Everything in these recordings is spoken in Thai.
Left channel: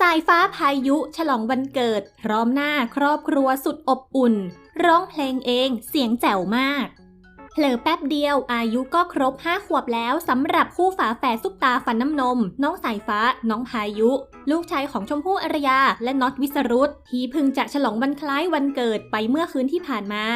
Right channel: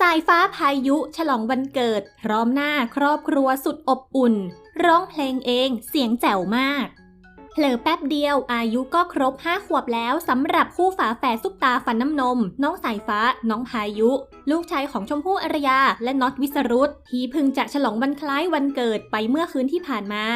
สายฟ้าพายุฉลองวันเกิด พร้อมหน้าครอบครัวสุดอบอุ่น ร้องเพลงเองเสียงแจ๋วมากเผลอแป๊บเดียวอายุก็ครบ5ขวบแล้วสำหรับคู่ฝาแฝดซุปตาฟันน้ำนม น้องสายฟ้า น้องพายุ ลูกชายของชมพู่อารยา และน็อตวิสรุตที่เพึ่งจะฉลองวันคล้ายวันเกิดไปเมื่อคืนที่ผ่านมา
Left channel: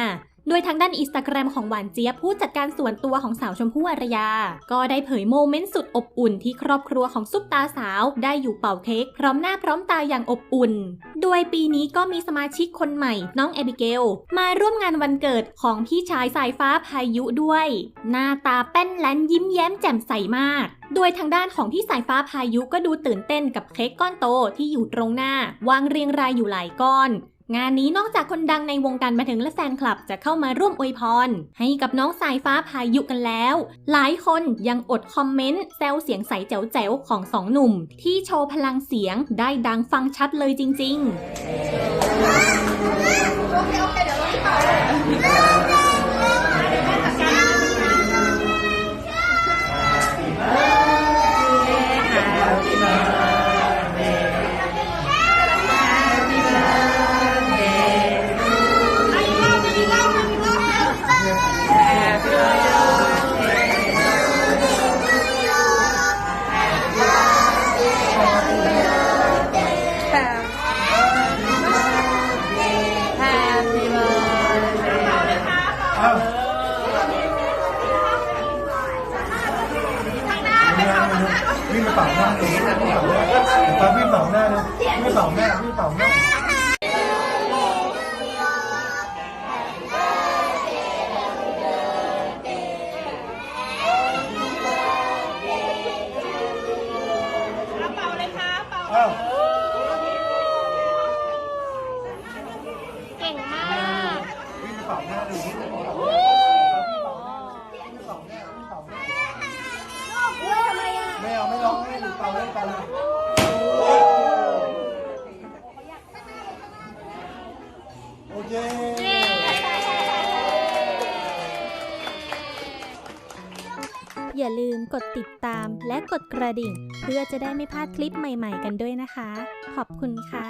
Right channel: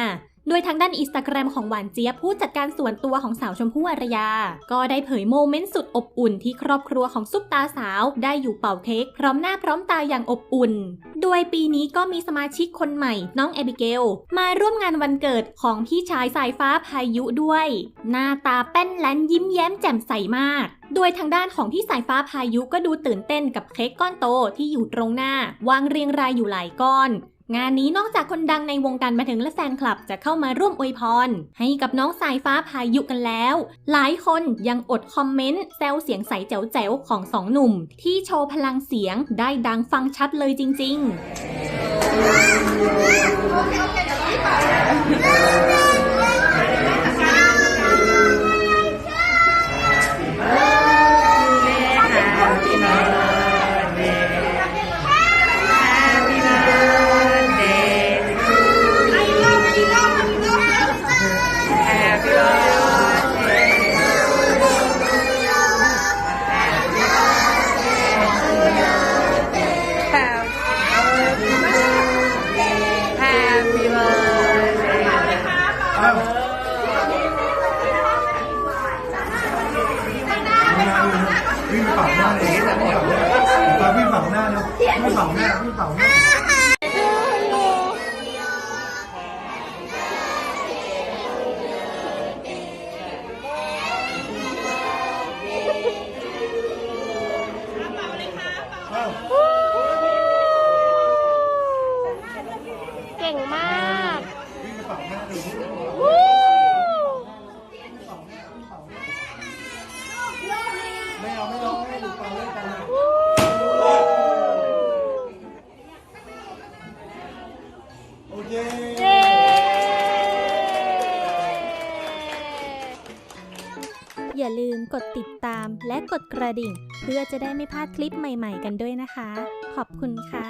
โดยทางด้านอินสตาแกรมของหวานเจี๊ยบผู้จัดการส่วนตัวของสาวชมพู่อารยา ก็ได้เผยโมเมนต์สุดอบอุ่นที่ครอบครัวของซุปตาสาวได้อยู่เป่าเค้กพร้อมหน้าพร้อมตาอย่างอบอุ่น โดยปีนี้ก็มีสมาชิกคนใหม่ น้องแอบิเกล มาร่วมงานวันเกิดของพี่ชายสายฟ้าพายุด้วย หน้าตาแป้นแลนยิ้มแย้มแจ่มใสมากโดยทางด้านของพี่สายฟ้าพายุก็ดูตื่นเต้นกับเค้กก้อนโตที่อยู่ตรงหน้าวางเรียงรายอยู่หลายก้อน งานนี้นอกจากคนดังในวงการบันเทิงและแฟนคลับจะเข้ามาร่วมอวยพร ให้กับน้องสายฟ้าพายุกันแล้ว หลายคนยังอดคอมเมนต์แซวเสียงใสแจ๋วๆของสองหนุ่ม ที่โชว์พลังเสียงได้ดังฟังชัดเลยจริง ๆ birthday. วิ่งเป่าหน้าเลยตอนวิ่งเป่าหน้าเลยวิ่งเป่าหน้าวิ่งเป่าหน้า ปเป่าหน้าดูวิ่งไปเป่าหน้าวิ่งไปเป่าหน้าวิ่งเป่าหน้าไม่เอาไม่ร้องให้เป่าเล่นกันนะโอเคอย่าลืมกดติดตามและกดกระดิ่ง เพื่อจะได้ไม่พลาดคลิปใหม่ๆกันด้วยนะคะ ขอบคุณค่ะ